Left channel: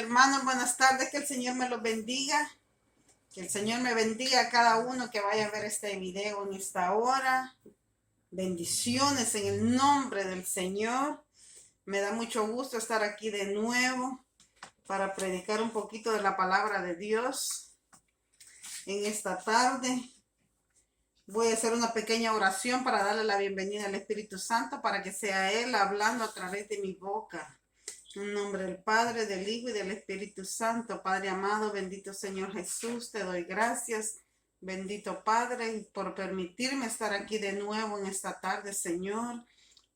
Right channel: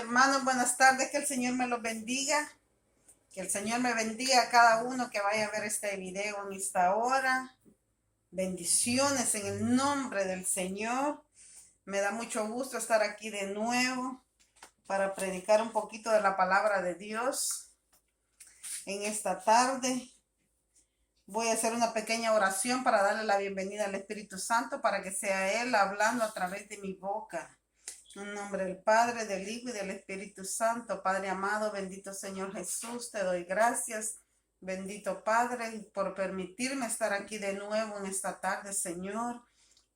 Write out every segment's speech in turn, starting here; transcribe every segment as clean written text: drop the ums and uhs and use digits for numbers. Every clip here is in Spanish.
Hermanos, buenas tardes, que el Señor me los bendiga, que el Señor me bendiga a cada uno que vaya a ver este video en esta hora. Bendiciones en el nombre del Señor. Me da mucho gusto estar aquí de nuevo para predicar un poquito de la palabra de Dios en esta tarde. Voy a hacer una pequeña oración para darle la bienvenida al Espíritu Santo para que sea Él hablando a través de mi boca. En nombre del Padre, del Hijo y del Espíritu Santo. Padre amado, bendito Señor Jesús, te doy gracias. Bendito Padre, por permitirme estar aquí de nuevo en esta tarde, Señor,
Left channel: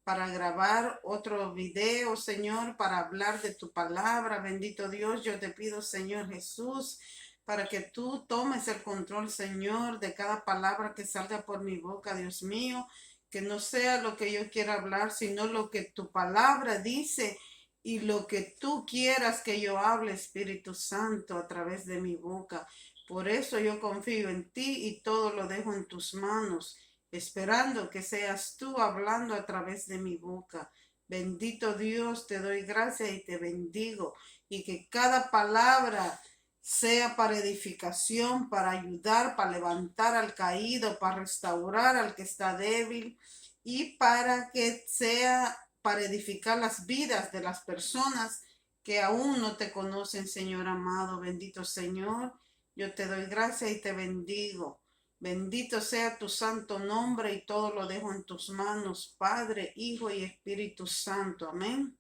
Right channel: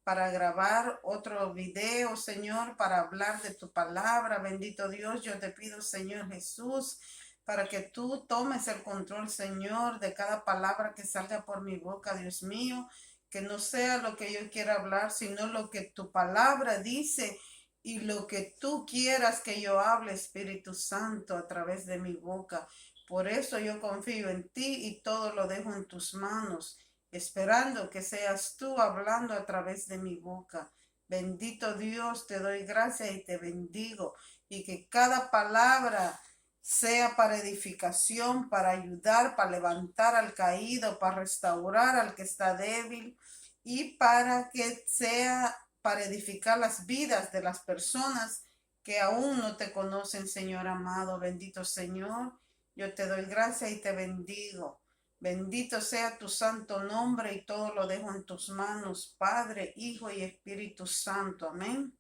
para grabar otro video, Señor, para hablar de tu palabra. Bendito Dios, yo te pido, Señor Jesús, para que tú tomes el control, Señor, de cada palabra que salga por mi boca, Dios mío, que no sea lo que yo quiera hablar, sino lo que tu palabra dice y lo que tú quieras que yo hable, Espíritu Santo, a través de mi boca. Por eso yo confío en ti y todo lo dejo en tus manos, esperando que seas tú hablando a través de mi boca. Bendito Dios, te doy gracias y te bendigo, y que cada palabra sea para edificación, para ayudar, para levantar al caído, para restaurar al que está débil, y para que sea para edificar las vidas de las personas que aún no te conocen, Señor amado. Bendito Señor, yo te doy gracias y te bendigo. Bendito sea tu santo nombre, y todo lo dejo en tus manos, Padre, Hijo y Espíritu Santo. Amén.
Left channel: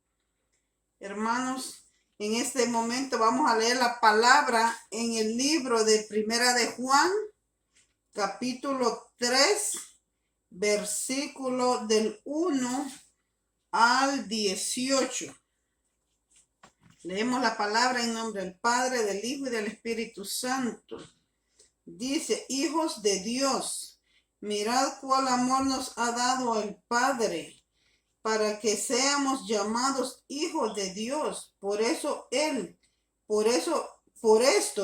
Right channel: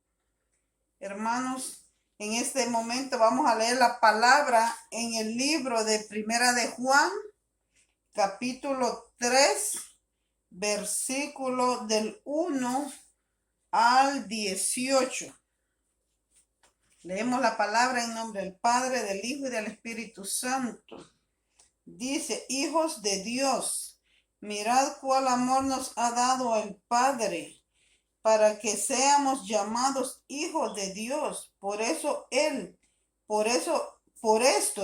Hermanos, en este momento vamos a leer la palabra en el libro de Primera de Juan, capítulo 3, versículo del 1 al 18. Leemos la palabra en nombre del Padre, del Hijo y del Espíritu Santo. Dice: hijos de Dios, mirad cuál amor nos ha dado el Padre, para que seamos llamados hijos de Dios. Por esto,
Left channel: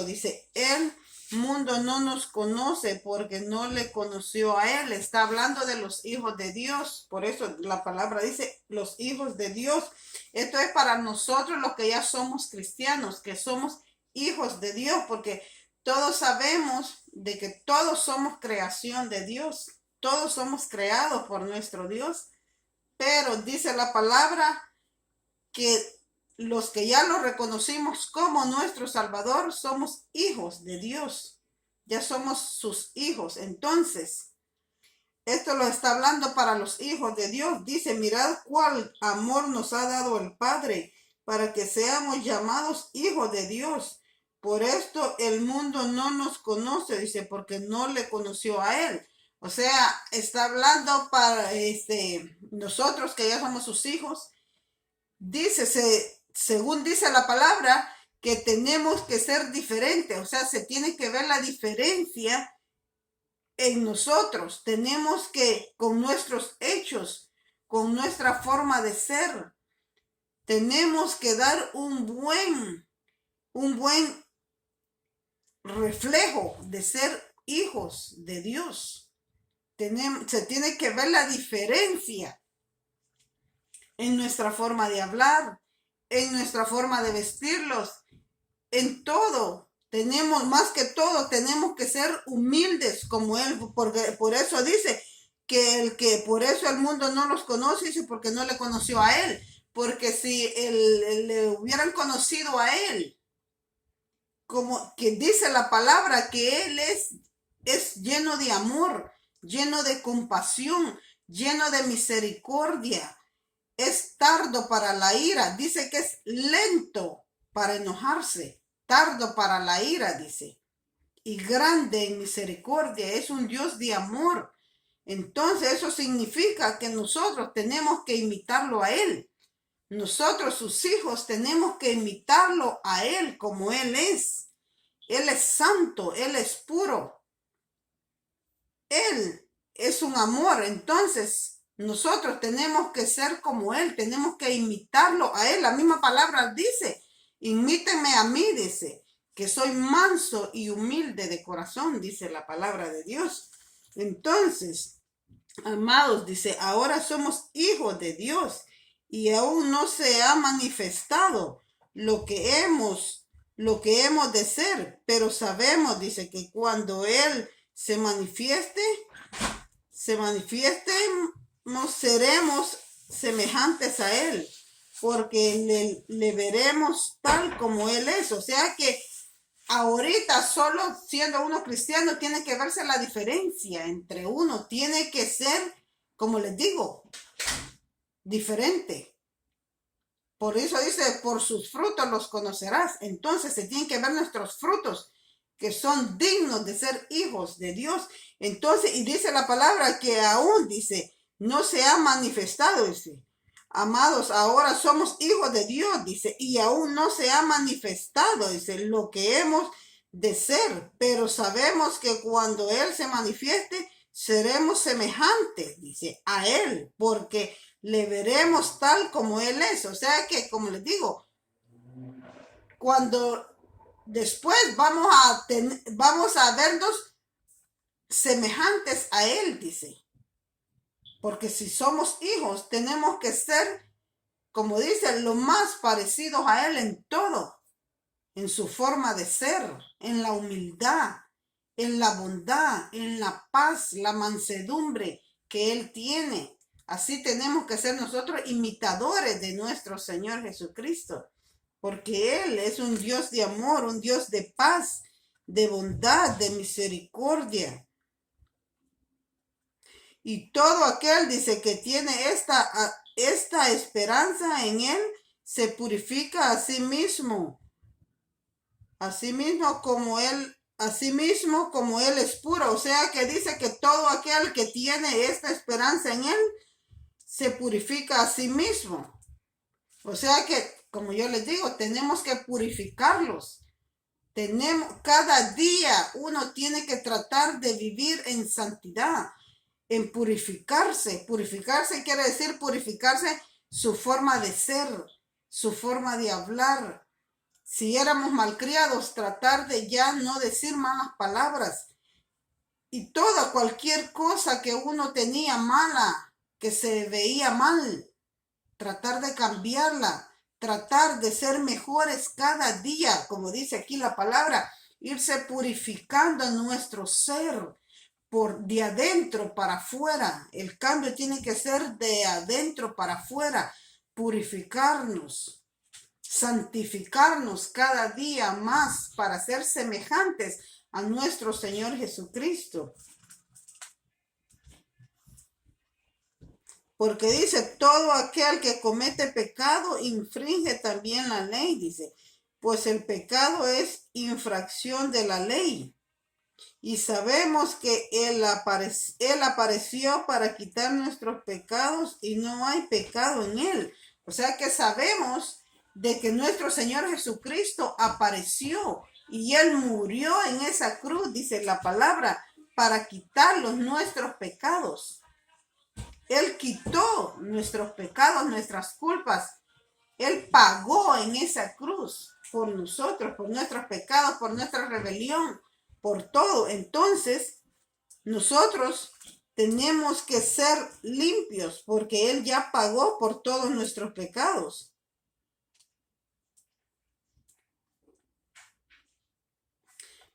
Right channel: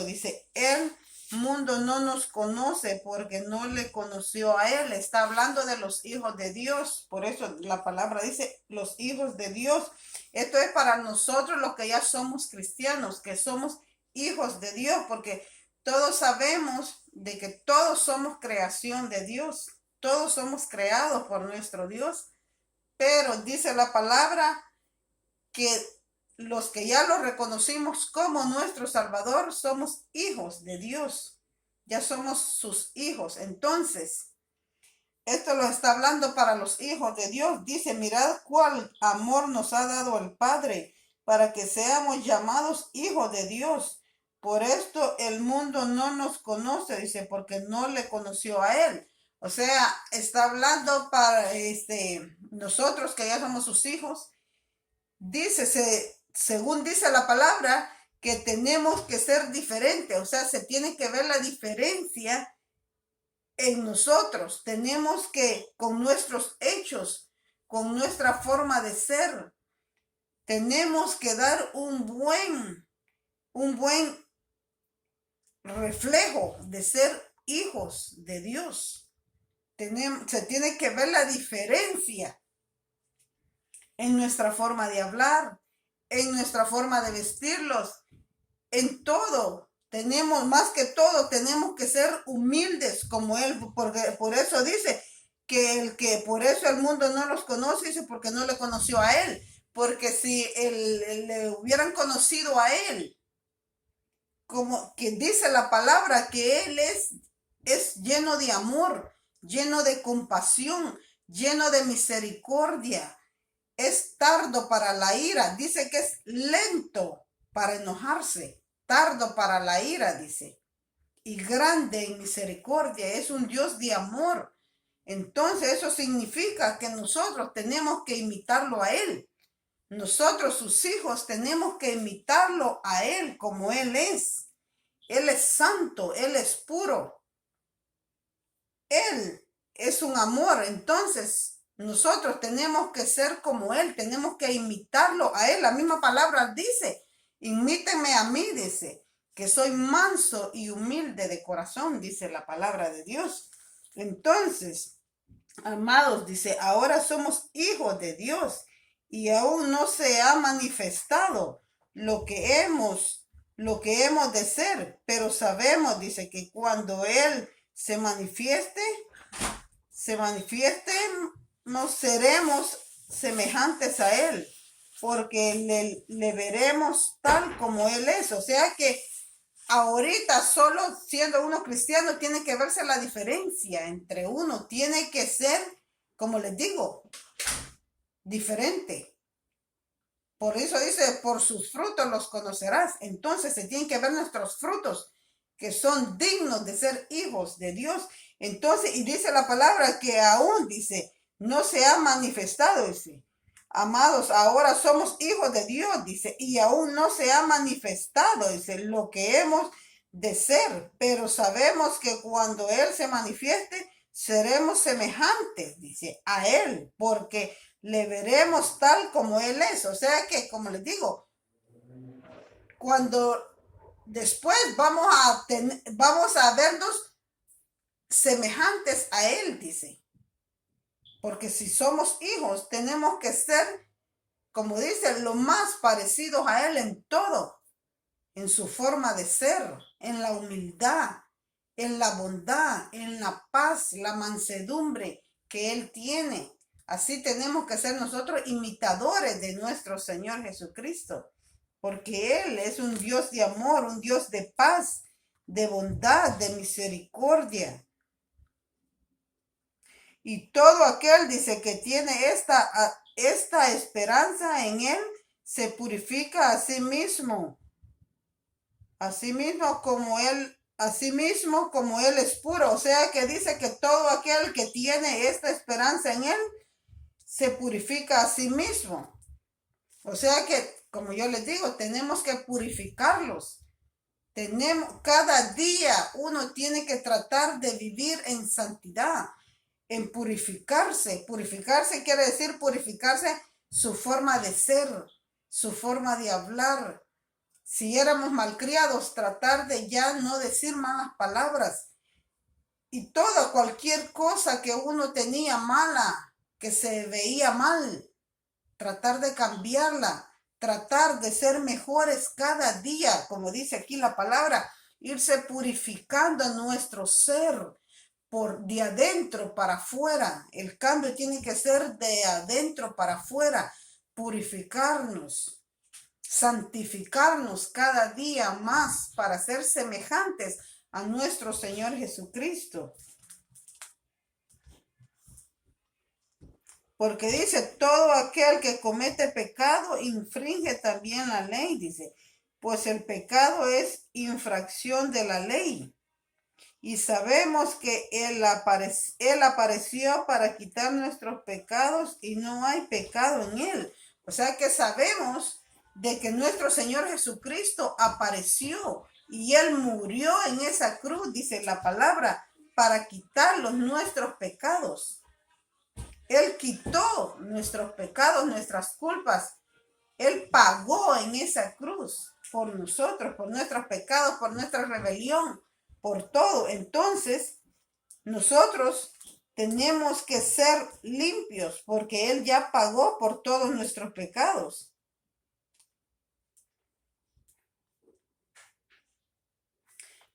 dice, el mundo no nos conoce, porque no le conoció a Él. Está hablando de los hijos de Dios. Por eso la palabra dice los hijos de Dios. Esto es para nosotros los que ya somos cristianos, que somos hijos de Dios, porque todos sabemos de que todos somos creación de Dios. Todos somos creados por nuestro Dios. Pero dice la palabra que los que ya lo reconocimos como nuestro Salvador somos hijos de Dios. Ya somos sus hijos. Entonces, esto lo está hablando para los hijos de Dios. Dice: mirad cuál amor nos ha dado el Padre, para que seamos llamados hijos de Dios. Por esto el mundo no nos conoce, dice, porque no le conoció a Él. O sea, está hablando para nosotros que ya somos sus hijos. Dice, según dice la palabra, que tenemos que ser diferentes. O sea, se tiene que ver la diferencia en nosotros. Tenemos que, con nuestros hechos, con nuestra forma de ser, tenemos que dar un buen reflejo de ser hijos de Dios. Se tiene que ver la diferencia en nuestra forma de hablar, en nuestra forma de vestirlos, en todo. Más que todo, tenemos que ser humildes como Él, porque por eso dice que por eso el mundo no los conoce, dice, porque no le conoció a Él. Porque si le hubieran conocido a Él, como que dice la palabra, que Él es lleno de amor, lleno de compasión, lleno de misericordia, es tardo para la ira, dice que es lento para enojarse, tardo para la ira, dice, y grande en misericordia, es un Dios de amor. Entonces eso significa que nosotros tenemos que imitarlo a Él. Nosotros, sus hijos, tenemos que imitarlo a Él como Él es. Él es santo, Él es puro. Él es un amor. Entonces, nosotros tenemos que ser como Él, tenemos que imitarlo a Él. La misma palabra dice: imítenme a mí, dice, que soy manso y humilde de corazón, dice la palabra de Dios. Entonces, amados, dice, ahora somos hijos de Dios, y aún no se ha manifestado lo que hemos de ser, pero sabemos, dice, que cuando Él se manifieste, nos seremos semejantes a Él, porque le veremos tal como Él es. O sea que ahorita solo siendo uno cristiano tiene que verse la diferencia entre uno, tiene que ser, como les digo, diferente. Por eso dice, por sus frutos los conocerás. Entonces se tienen que ver nuestros frutos, que son dignos de ser hijos de Dios. Entonces, y dice la palabra que aún, dice, no se ha manifestado, dice. Amados, ahora somos hijos de Dios, dice, y aún no se ha manifestado, dice, lo que hemos de ser, pero sabemos que cuando Él se manifieste, seremos semejantes, dice, a Él, porque le veremos tal como Él es. O sea que, como les digo, cuando después vamos a vernos semejantes a Él, dice. Porque si somos hijos, tenemos que ser, como dice, lo más parecidos a Él en todo, en su forma de ser, en la humildad, en la bondad, en la paz, la mansedumbre que Él tiene. Así tenemos que ser nosotros imitadores de nuestro Señor Jesucristo, porque Él es un Dios de amor, un Dios de paz, de bondad, de misericordia. Y todo aquel, dice, que tiene esta esperanza en Él, se purifica a sí mismo como Él es puro. O sea que dice que todo aquel que tiene esta esperanza en Él, se purifica a sí mismo. O sea que, como yo les digo, tenemos que purificarlos. Cada día uno tiene que tratar de vivir en santidad, en purificarse. Purificarse quiere decir purificarse su forma de ser, su forma de hablar. Si éramos malcriados, tratar de ya no decir malas palabras. Y cualquier cosa que uno tenía mala, que se veía mal, tratar de cambiarla, tratar de ser mejores cada día, como dice aquí la palabra, irse purificando nuestro ser de adentro para afuera. El cambio tiene que ser de adentro para afuera, purificarnos, santificarnos cada día más para ser semejantes a nuestro Señor Jesucristo. Porque dice, todo aquel que comete pecado infringe también la ley, dice, pues el pecado es infracción de la ley. Y sabemos que Él apareció para quitar nuestros pecados y no hay pecado en Él. O sea que sabemos de que nuestro Señor Jesucristo apareció y Él murió en esa cruz, dice la palabra, para quitar nuestros pecados. Él quitó nuestros pecados, nuestras culpas. Él pagó en esa cruz por nosotros, por nuestros pecados, por nuestra rebelión, por todo. Entonces, nosotros tenemos que ser limpios porque Él ya pagó por todos nuestros pecados.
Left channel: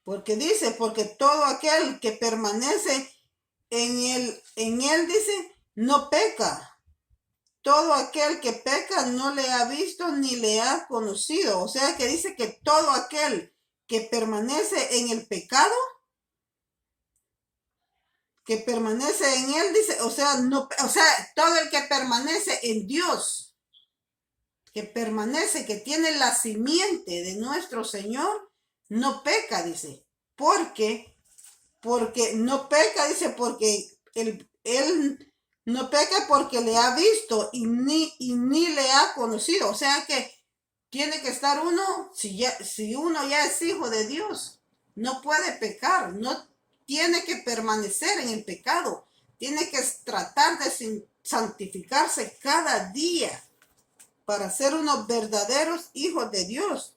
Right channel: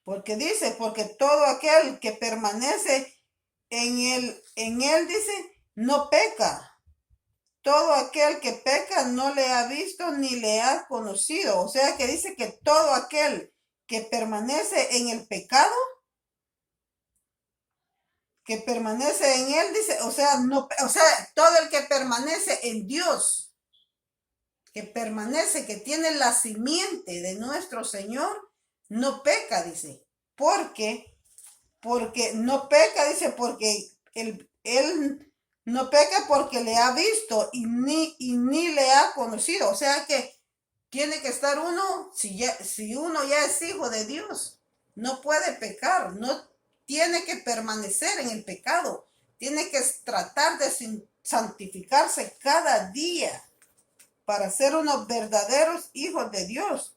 Porque dice, porque todo aquel que permanece en él dice, no peca. Todo aquel que peca no le ha visto ni le ha conocido. O sea que dice que todo aquel que permanece en el pecado, que permanece en él, dice, todo el que permanece en Dios, que permanece, que tiene la simiente de nuestro Señor, no peca, dice. Porque no peca, dice, porque él no peca porque le ha visto y ni le ha conocido. O sea que tiene que estar uno, si uno ya es hijo de Dios, no puede pecar, no tiene que permanecer en el pecado, tiene que tratar de santificarse cada día para ser unos verdaderos hijos de Dios.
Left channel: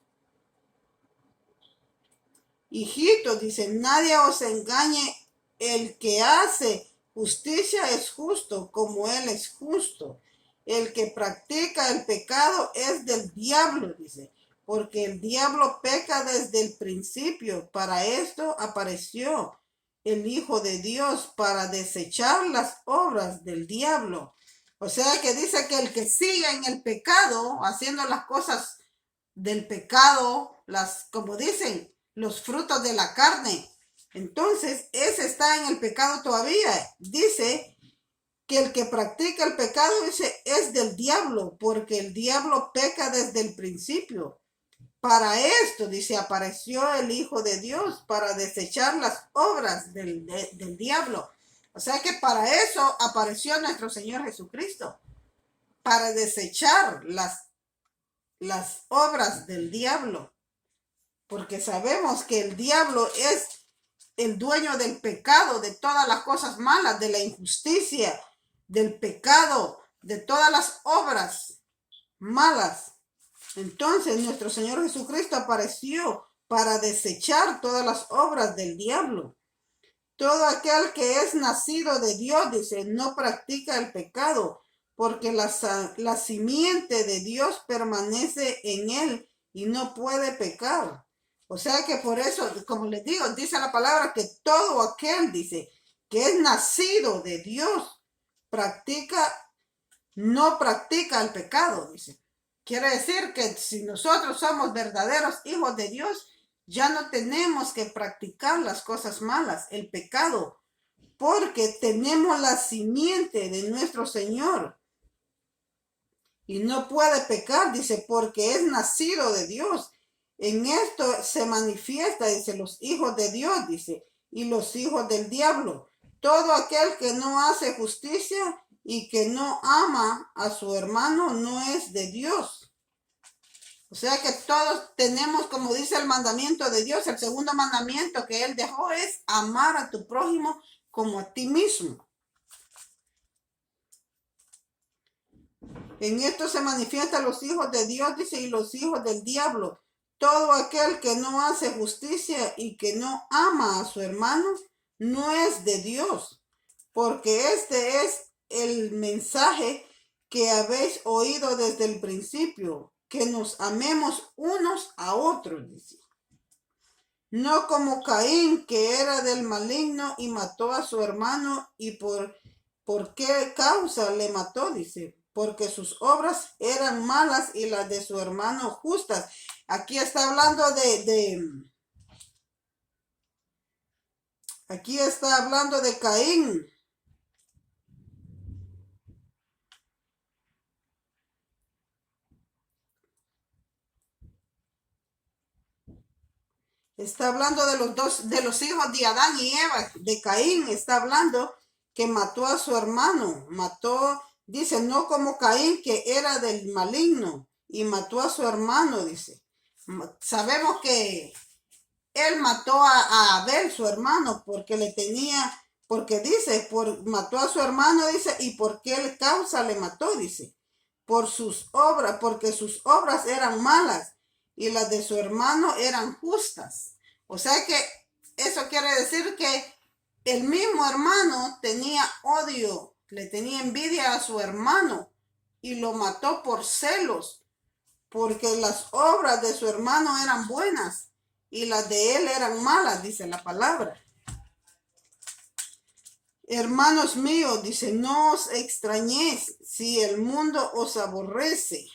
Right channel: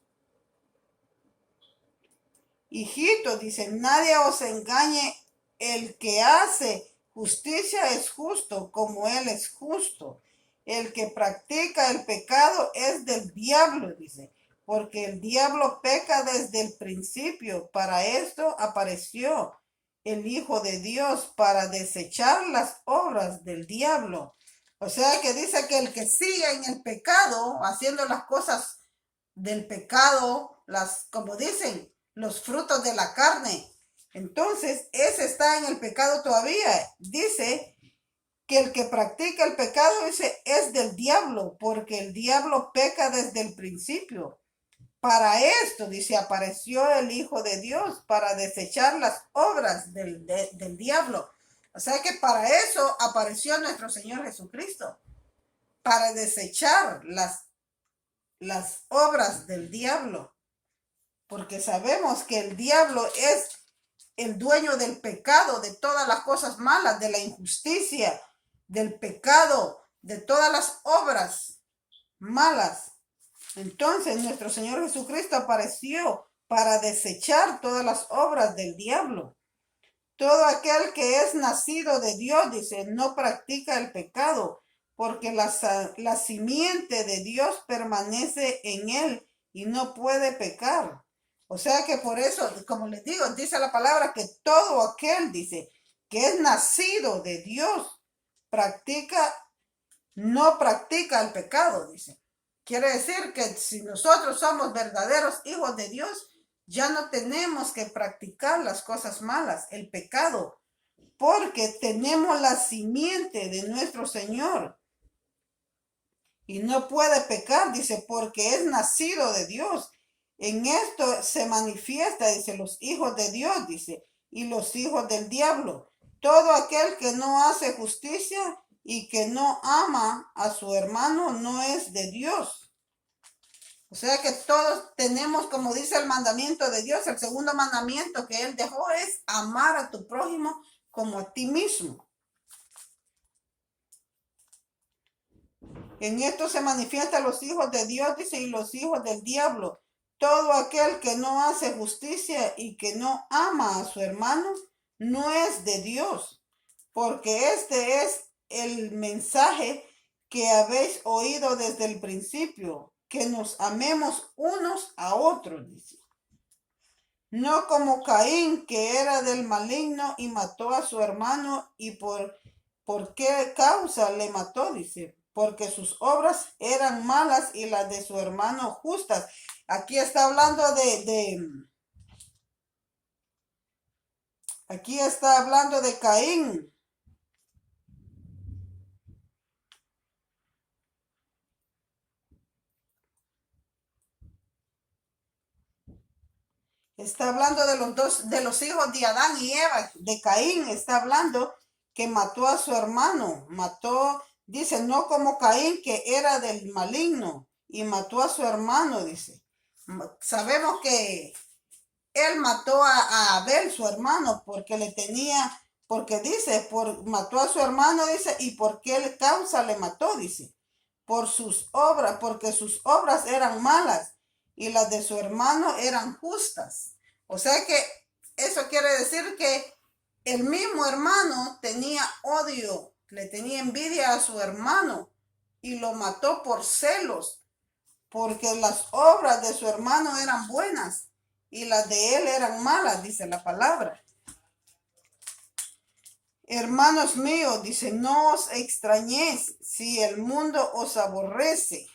Hijitos, dice, nadie os engañe, el que hace justicia es justo como Él es justo. El que practica el pecado es del diablo, dice, porque el diablo peca desde el principio. Para esto apareció el Hijo de Dios, para desechar las obras del diablo. O sea que dice que el que sigue en el pecado, haciendo las cosas del pecado, como dicen, los frutos de la carne, entonces ese está en el pecado todavía. Dice que el que practica el pecado es del diablo, porque el diablo peca desde el principio. Para esto, dice, apareció el Hijo de Dios, para desechar las obras del diablo. O sea que para eso apareció nuestro Señor Jesucristo, para desechar las obras del diablo. Porque sabemos que el diablo es el dueño del pecado, de todas las cosas malas, de la injusticia, del pecado, de todas las obras malas. Entonces nuestro Señor Jesucristo apareció para desechar todas las obras del diablo. Todo aquel que es nacido de Dios, dice, no practica el pecado, porque la simiente de Dios permanece en él y no puede pecar. O sea que por eso, como les digo, dice la palabra que todo aquel, dice, que es nacido de Dios, no practica el pecado, dice. Quiere decir que si nosotros somos verdaderos hijos de Dios, ya no tenemos que practicar las cosas malas, el pecado, porque tenemos la simiente de nuestro Señor. Y no puede pecar, dice, porque es nacido de Dios. En esto se manifiesta, dice, los hijos de Dios, dice, y los hijos del diablo. Todo aquel que no hace justicia y que no ama a su hermano no es de Dios. O sea que todos tenemos, como dice el mandamiento de Dios, el segundo mandamiento que Él dejó es amar a tu prójimo como a ti mismo. En esto se manifiestan los hijos de Dios, dice, y los hijos del diablo. Todo aquel que no hace justicia y que no ama a su hermano no es de Dios, porque este es el mensaje que habéis oído desde el principio, que nos amemos unos a otros, dice. No como Caín, que era del maligno y mató a su hermano. ¿Y por qué causa le mató? Dice, porque sus obras eran malas y las de su hermano justas. Aquí está hablando aquí está hablando de Caín. Está hablando de los hijos de Adán y Eva, de Caín. Está hablando que mató a su hermano. Dice, no como Caín, que era del maligno y mató a su hermano, dice. Sabemos que él mató a Abel, su hermano, porque dice, mató a su hermano, dice, y por qué causa le mató, dice, por sus obras, porque sus obras eran malas y las de su hermano eran justas. O sea que eso quiere decir que el mismo hermano tenía odio, le tenía envidia a su hermano y lo mató por celos, porque las obras de su hermano eran buenas y las de él eran malas, dice la palabra. Hermanos míos, dice, no os extrañéis si el mundo os aborrece.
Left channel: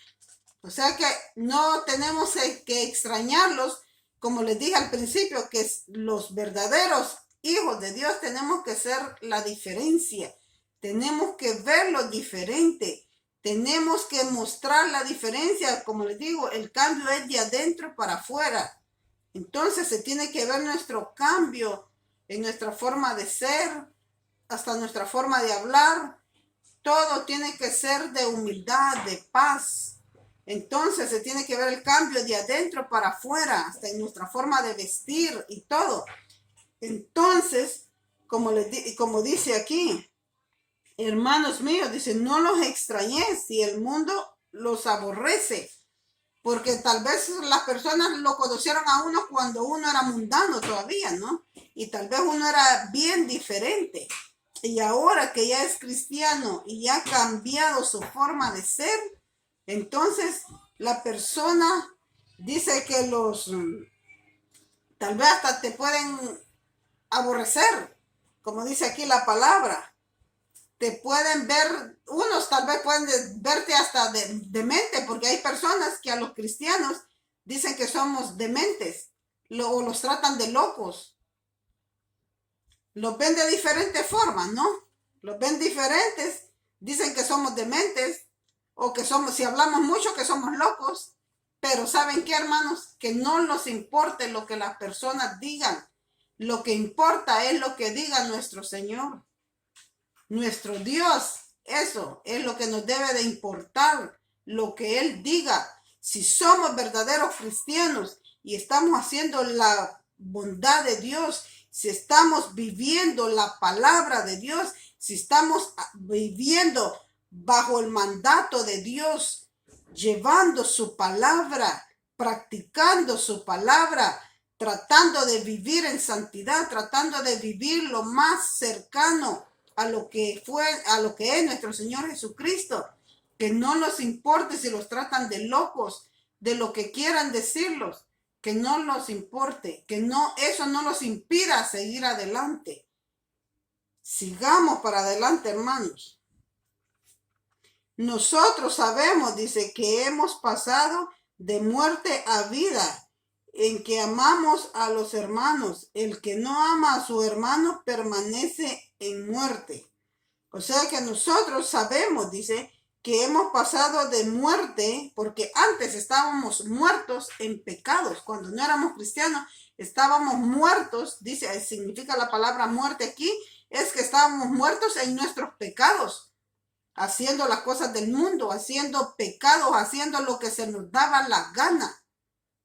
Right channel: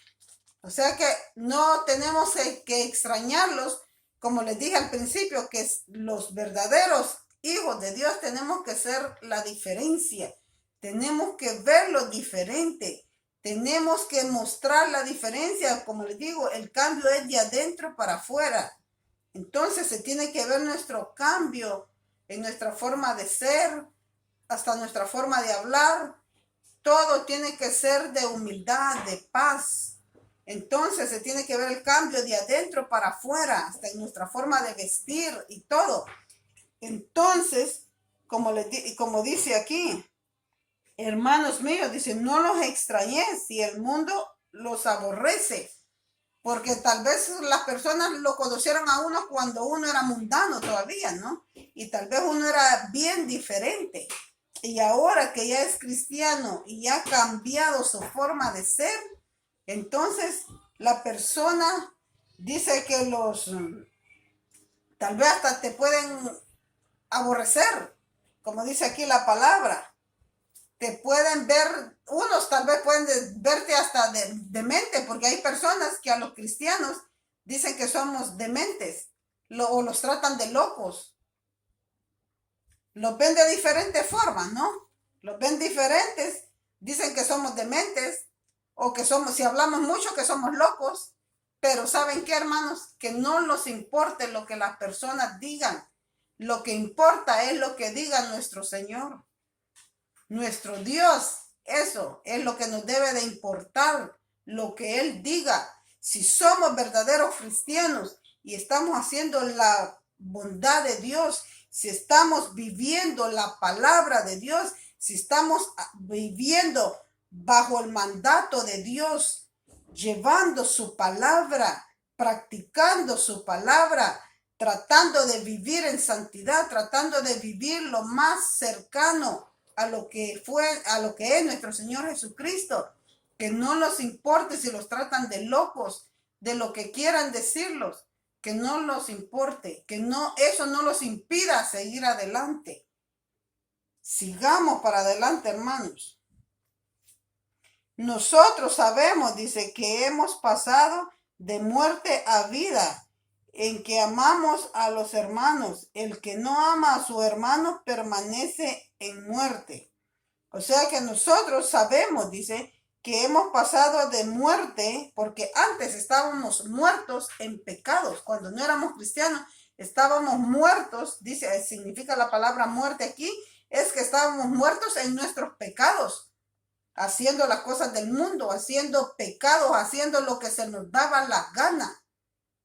O sea que no tenemos que extrañarlos, como les dije al principio, que los verdaderos hijos de Dios tenemos que ser la diferencia. Tenemos que verlo diferente. Tenemos que mostrar la diferencia. Como les digo, el cambio es de adentro para afuera. Entonces se tiene que ver nuestro cambio en nuestra forma de ser, hasta nuestra forma de hablar. Todo tiene que ser de humildad, de paz. Entonces se tiene que ver el cambio de adentro para afuera, hasta en nuestra forma de vestir y todo. Entonces, como dice aquí, hermanos míos, dice, no los extrañéis si el mundo los aborrece. Porque tal vez las personas lo conocieron a uno cuando uno era mundano todavía, ¿no? Y tal vez uno era bien diferente. Y ahora que ya es cristiano y ya ha cambiado su forma de ser, entonces la persona Dice que tal vez hasta te pueden aborrecer, como dice aquí la palabra. Te pueden ver, unos tal vez pueden verte hasta demente, porque hay personas que a los cristianos dicen que somos dementes, o los tratan de locos. Los ven de diferentes formas, ¿no? Los ven diferentes, dicen que somos dementes, o que somos, si hablamos mucho, que somos locos. Pero ¿saben qué, hermanos? Que no nos importe lo que las personas digan. Lo que importa es lo que diga nuestro Señor, nuestro Dios. Eso es lo que nos debe de importar, lo que Él diga. Si somos verdaderos cristianos y estamos haciendo la bondad de Dios, si estamos viviendo la palabra de Dios, si estamos viviendo bajo el mandato de Dios, llevando su palabra, practicando su palabra, tratando de vivir en santidad, tratando de vivir lo más cercano a lo que es nuestro Señor Jesucristo, que no nos importe si los tratan de locos, de lo que quieran decirlos, que no nos importe, que no, eso no los impida seguir adelante. Sigamos para adelante, hermanos. Nosotros sabemos, dice, que hemos pasado de muerte a vida, en que amamos a los hermanos. El que no ama a su hermano permanece en muerte. O sea que nosotros sabemos, dice, que hemos pasado de muerte, porque antes estábamos muertos en pecados. Cuando no éramos cristianos, estábamos muertos, dice, significa la palabra muerte aquí, es que estábamos muertos en nuestros pecados, haciendo las cosas del mundo, haciendo pecados, haciendo lo que se nos daba la gana.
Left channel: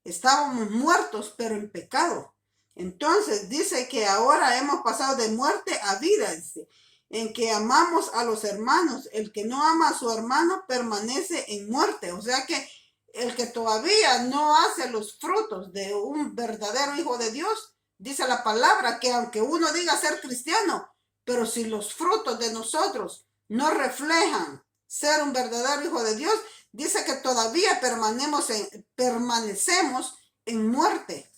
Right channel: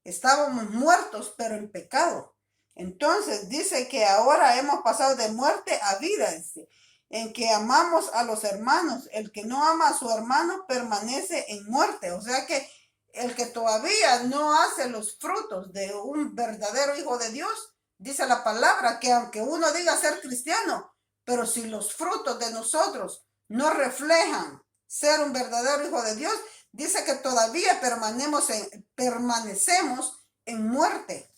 Estábamos muertos, pero en pecado. Entonces dice que ahora hemos pasado de muerte a vida, dice, en que amamos a los hermanos. El que no ama a su hermano permanece en muerte. O sea que el que todavía no hace los frutos de un verdadero hijo de Dios, dice la palabra, que aunque uno diga ser cristiano, pero si los frutos de nosotros no reflejan ser un verdadero hijo de Dios, dice que todavía permanecemos en muerte.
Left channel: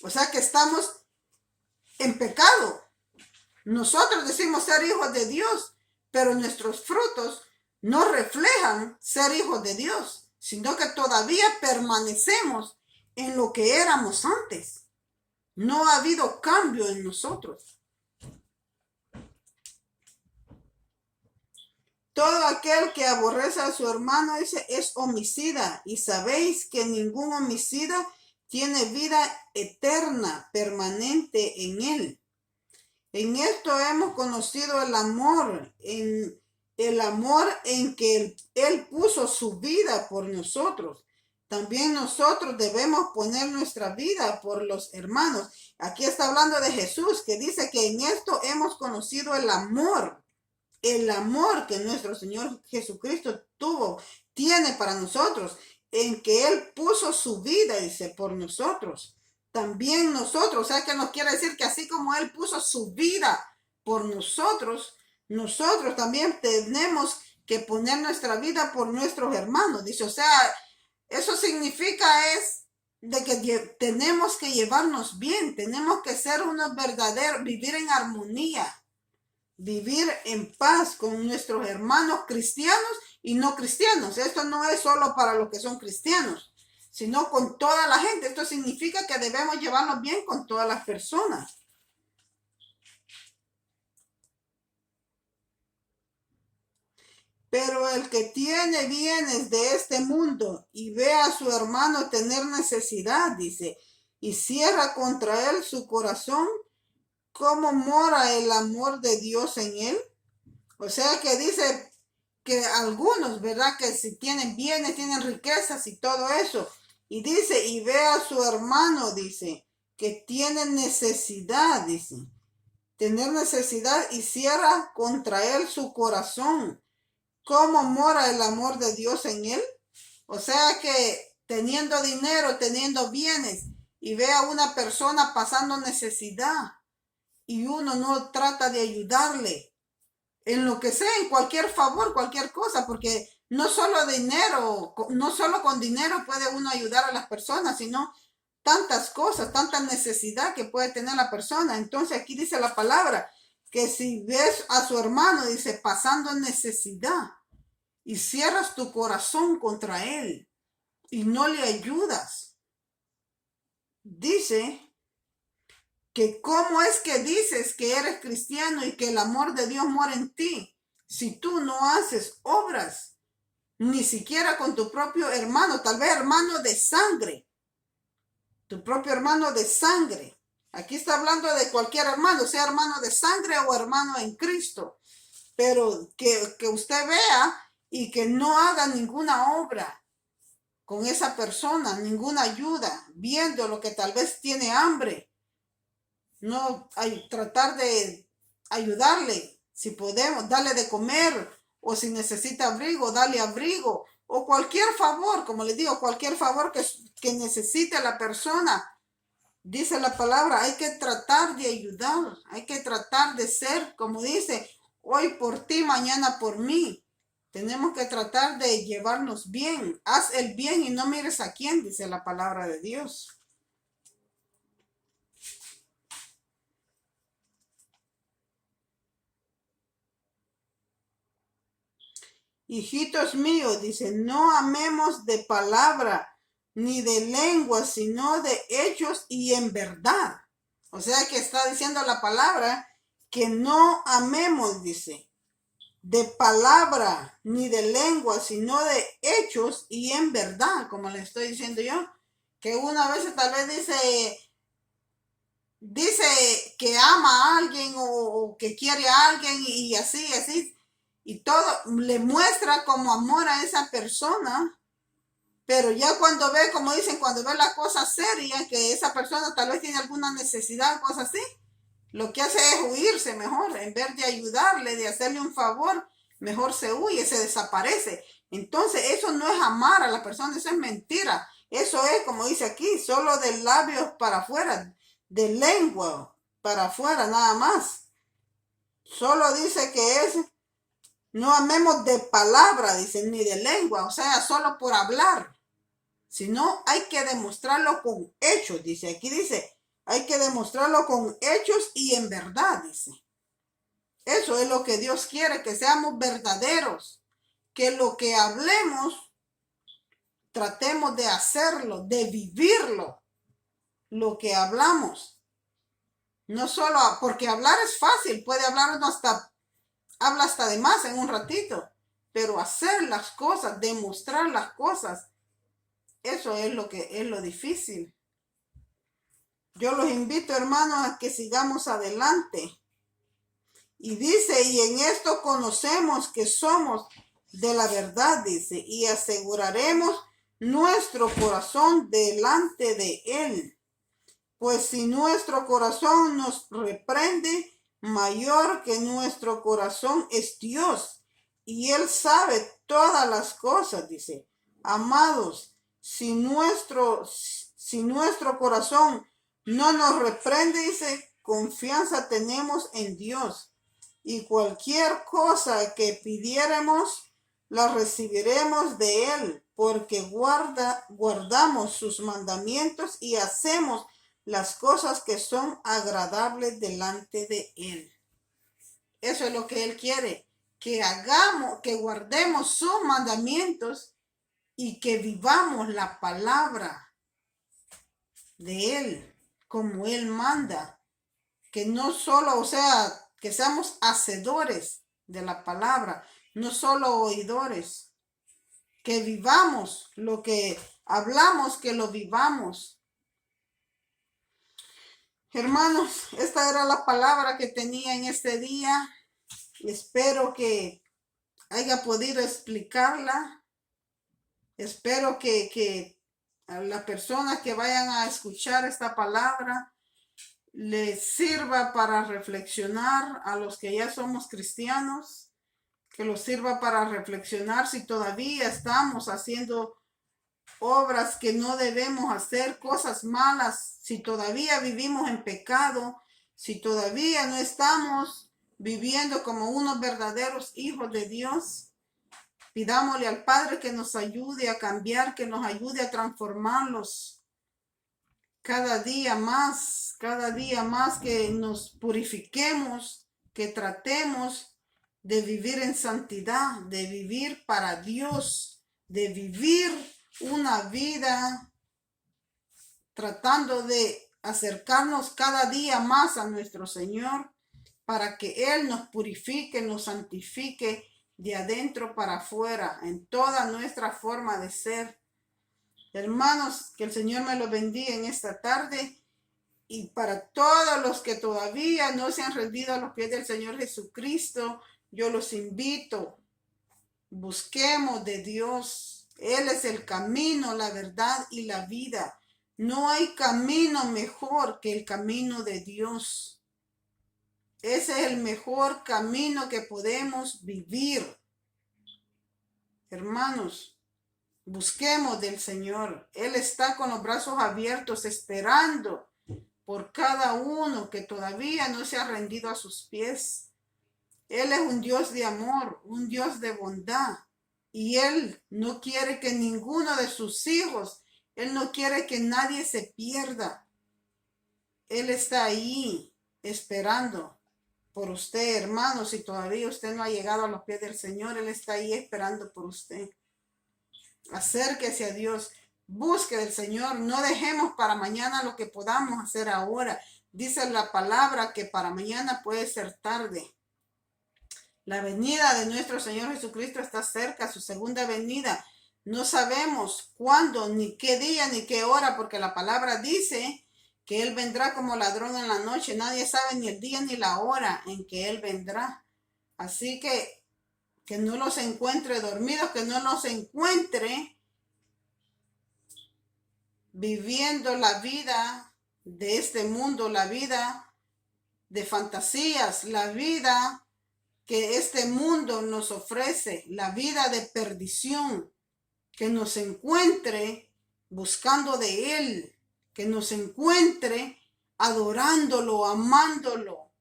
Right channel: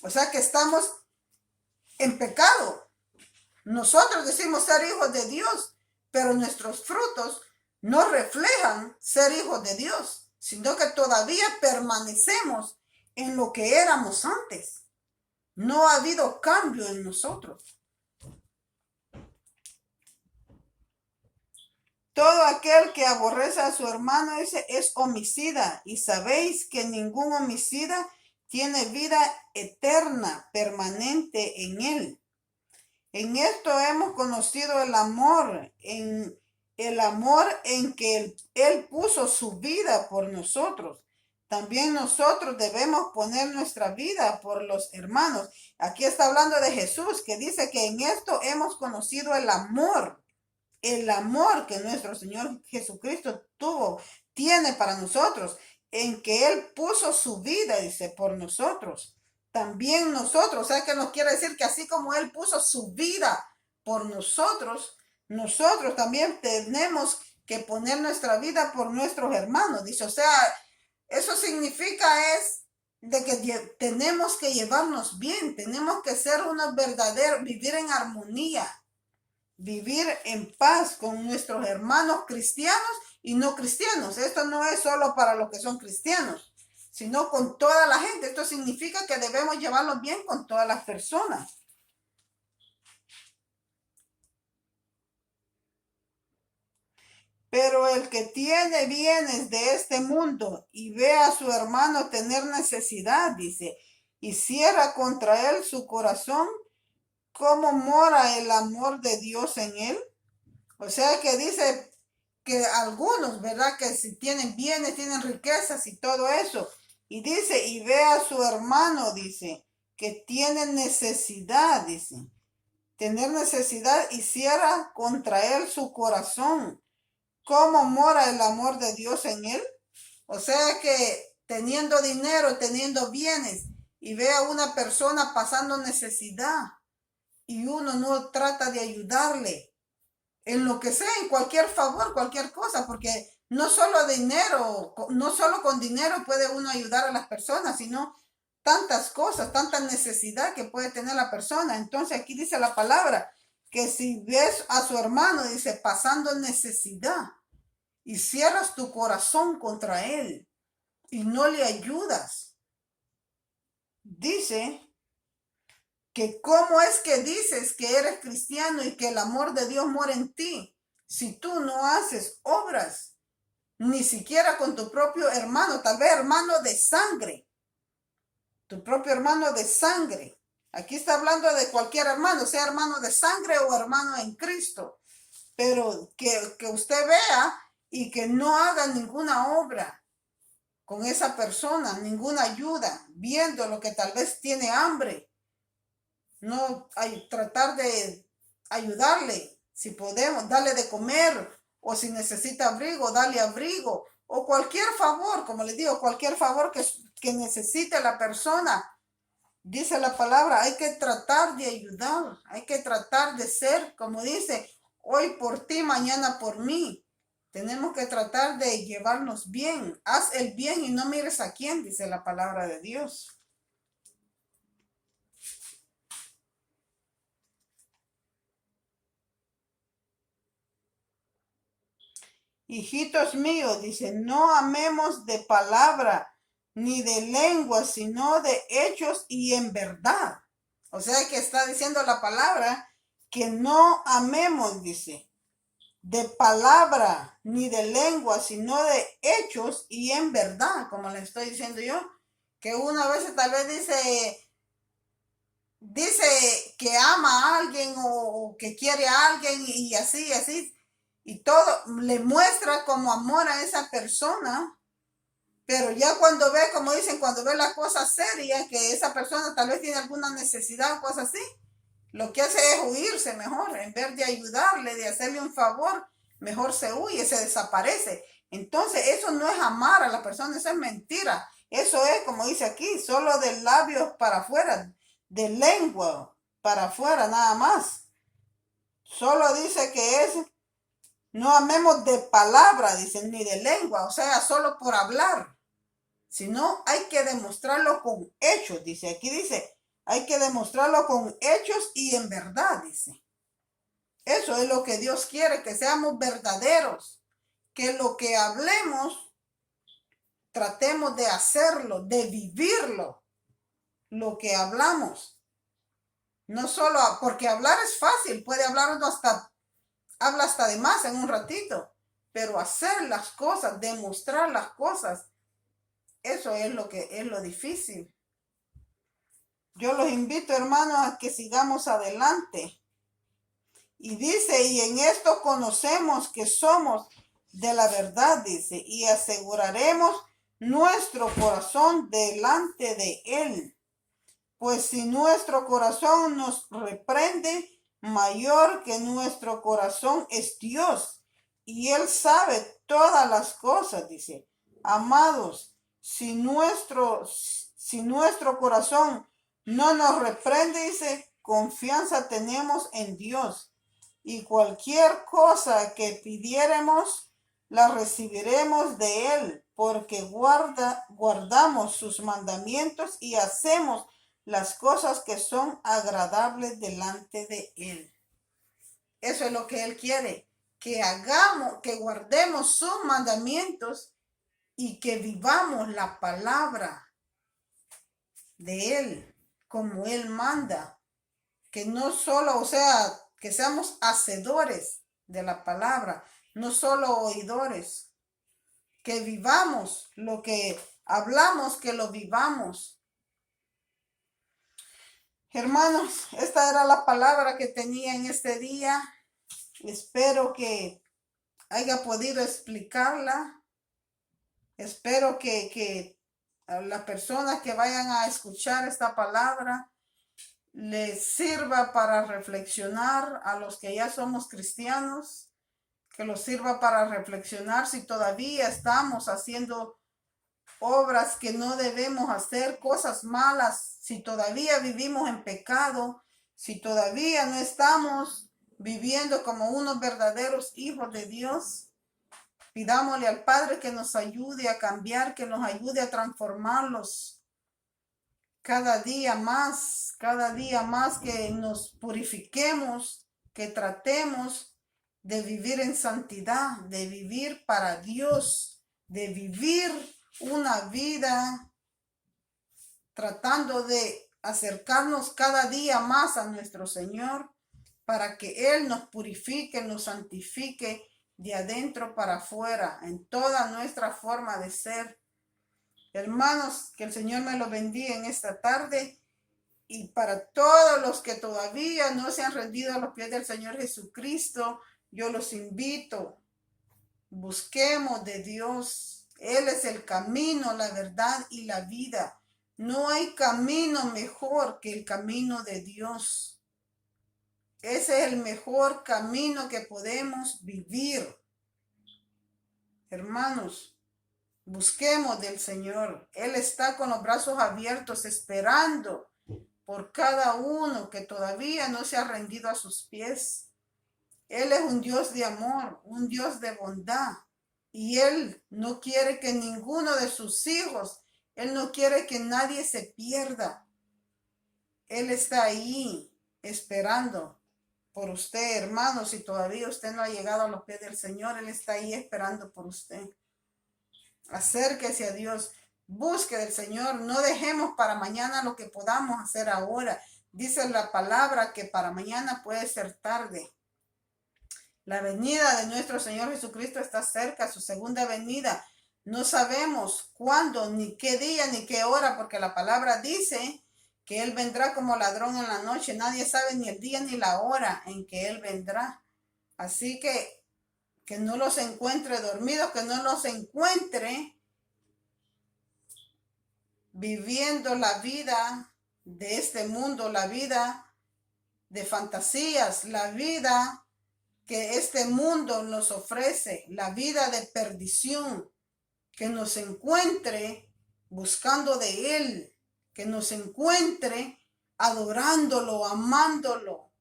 O sea que estamos en pecado. Nosotros decimos ser hijos de Dios, pero nuestros frutos no reflejan ser hijos de Dios, sino que todavía permanecemos en lo que éramos antes. No ha habido cambio en nosotros. Todo aquel que aborrece a su hermano es homicida, y sabéis que ningún homicida tiene vida eterna, permanente en él. En esto hemos conocido el amor en que él puso su vida por nosotros. También nosotros debemos poner nuestra vida por los hermanos. Aquí está hablando de Jesús, que dice que en esto hemos conocido el amor que nuestro Señor Jesucristo tiene para nosotros, en que Él puso su vida, dice, por nosotros. También nosotros, o sea que nos quiere decir que así como Él puso su vida por nosotros, nosotros también tenemos que poner nuestra vida por nuestros hermanos, dice. O sea, eso significa es de que tenemos que llevarnos bien, tenemos que ser unos verdaderos, vivir en armonía, vivir en paz con nuestros hermanos cristianos y no cristianos. Esto no es solo para los que son cristianos, sino con toda la gente. Esto significa que debemos llevarnos bien con todas las personas. Pero el que tiene bienes de este mundo y ve a su hermano tener necesidad, dice, y cierra contra él su corazón, ¿cómo mora el amor de Dios en él? O sea que dice que algunos, ¿verdad? Que si tienen bienes, tienen riquezas y todo eso. Y dice, y ve a su hermano, dice, que tiene necesidad, dice. Tener necesidad y cierra contra él su corazón. ¿Cómo mora el amor de Dios en él? O sea que teniendo dinero, teniendo bienes, y ve a una persona pasando necesidad, y uno no trata de ayudarle en lo que sea, en cualquier favor, cualquier cosa, porque no solo dinero, no solo con dinero puede uno ayudar a las personas, sino tantas cosas, tanta necesidad que puede tener la persona. Entonces aquí dice la palabra que si ves a su hermano, dice, pasando necesidad y cierras tu corazón contra él y no le ayudas, dice que cómo es que dices que eres cristiano y que el amor de Dios mora en ti si tú no haces obras, ni siquiera con tu propio hermano, tal vez hermano de sangre, tu propio hermano de sangre. Aquí está hablando de cualquier hermano, sea hermano de sangre o hermano en Cristo, pero que usted vea y que no haga ninguna obra con esa persona, ninguna ayuda, viendo lo que tal vez tiene hambre. No hay, tratar de ayudarle, si podemos, darle de comer, o si necesita abrigo, darle abrigo, o cualquier favor, como les digo, cualquier favor que necesite la persona. Dice la palabra, hay que tratar de ayudar, hay que tratar de ser, como dice, hoy por ti, mañana por mí. Tenemos que tratar de llevarnos bien. Haz el bien y no mires a quién, dice la palabra de Dios. Hijitos míos, dice, no amemos de palabra ni de lengua, sino de hechos y en verdad. O sea que está diciendo la palabra que no amemos, dice, de palabra ni de lengua, sino de hechos y en verdad, como le estoy diciendo yo, que una vez tal vez dice que ama a alguien o que quiere a alguien y así, así, y todo, le muestra como amor a esa persona, pero ya cuando ve, como dicen, cuando ve la cosa seria, que esa persona tal vez tiene alguna necesidad o cosas así, lo que hace es huirse mejor, en vez de ayudarle, de hacerle un favor, mejor se huye, se desaparece. Entonces eso no es amar a la persona, eso es mentira. Eso es, como dice aquí, solo de labios para afuera, de lengua para afuera, nada más. Solo dice que es, no amemos de palabra, dice, ni de lengua, o sea, solo por hablar. Sino hay que demostrarlo con hechos, dice. Aquí dice, hay que demostrarlo con hechos y en verdad, dice. Eso es lo que Dios quiere, que seamos verdaderos, que lo que hablemos, tratemos de hacerlo, de vivirlo, lo que hablamos. No solo, porque hablar es fácil, puede hablar uno habla hasta de más en un ratito, pero hacer las cosas, demostrar las cosas, eso es lo que es lo difícil. Yo los invito, hermanos, a que sigamos adelante. Y dice, y en esto conocemos que somos de la verdad, dice, y aseguraremos nuestro corazón delante de él. Pues si nuestro corazón nos reprende, mayor que nuestro corazón es Dios, y él sabe todas las cosas, dice. Amados, si nuestro corazón no nos reprende, dice, confianza tenemos en Dios. Y cualquier cosa que pidiéremos, la recibiremos de él, porque guardamos sus mandamientos y hacemos las cosas que son agradables delante de él. Eso es lo que él quiere, que hagamos, que guardemos sus mandamientos y que vivamos la palabra de él, como él manda. Que no solo, o sea, que seamos hacedores de la palabra, no solo oidores. Que vivamos lo que hablamos, que lo vivamos. Hermanos, esta era la palabra que tenía en este día. Espero que haya podido explicarla. Espero que a las personas que vayan a escuchar esta palabra les sirva para reflexionar, a los que ya somos cristianos, que los sirva para reflexionar si todavía estamos haciendo obras que no debemos hacer, cosas malas, si todavía vivimos en pecado, si todavía no estamos viviendo como unos verdaderos hijos de Dios. Pidámosle al Padre que nos ayude a cambiar, que nos ayude a transformarlos cada día más, que nos purifiquemos, que tratemos de vivir en santidad, de vivir para Dios, de vivir una vida tratando de acercarnos cada día más a nuestro Señor para que Él nos purifique, nos santifique de adentro para afuera en toda nuestra forma de ser. Hermanos, que el Señor me lo bendiga en esta tarde, y para todos los que todavía no se han rendido a los pies del Señor Jesucristo, yo los invito, busquemos de Dios. Él es el camino, la verdad y la vida. No hay camino mejor que el camino de Dios. Ese es el mejor camino que podemos vivir. Hermanos, busquemos del Señor. Él está con los brazos abiertos esperando por cada uno que todavía no se ha rendido a sus pies. Él es un Dios de amor, un Dios de bondad. Y Él no quiere que ninguno de sus hijos, Él no quiere que nadie se pierda. Él está ahí esperando por usted, hermano. Si todavía usted no ha llegado a los pies del Señor, Él está ahí esperando por usted. Acérquese a Dios, busque del Señor, no dejemos para mañana lo que podamos hacer ahora. Dice la palabra que para mañana puede ser tarde. La venida de nuestro Señor Jesucristo está cerca, su segunda venida. No sabemos cuándo, ni qué día, ni qué hora, porque la palabra dice que Él vendrá como ladrón en la noche. Nadie sabe ni el día ni la hora en que Él vendrá. Así que no los encuentre dormidos, que no los encuentre viviendo la vida de este mundo, la vida de fantasías, la vida que este mundo nos ofrece, la vida de perdición, que nos encuentre buscando de Él, que nos encuentre adorándolo, amándolo,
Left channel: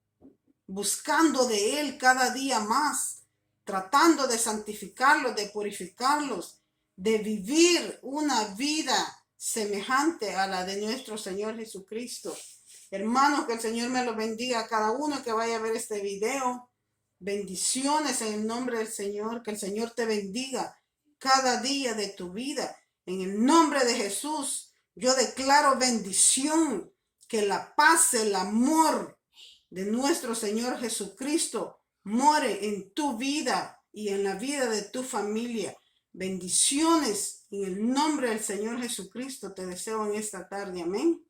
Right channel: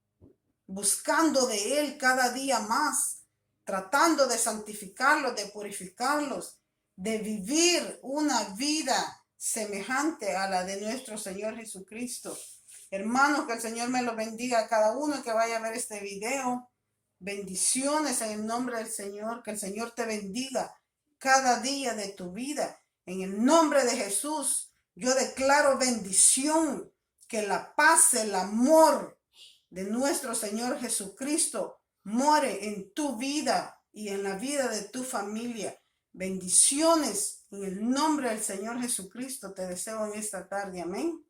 buscando de Él cada día más, tratando de santificarlos, de purificarlos, de vivir una vida semejante a la de nuestro Señor Jesucristo. Hermanos, que el Señor me lo bendiga a cada uno que vaya a ver este video. Bendiciones en el nombre del Señor. Que el Señor te bendiga cada día de tu vida. En el nombre de Jesús, yo declaro bendición. Que la paz, el amor de nuestro Señor Jesucristo more en tu vida y en la vida de tu familia. Bendiciones en el nombre del Señor Jesucristo te deseo en esta tarde. Amén.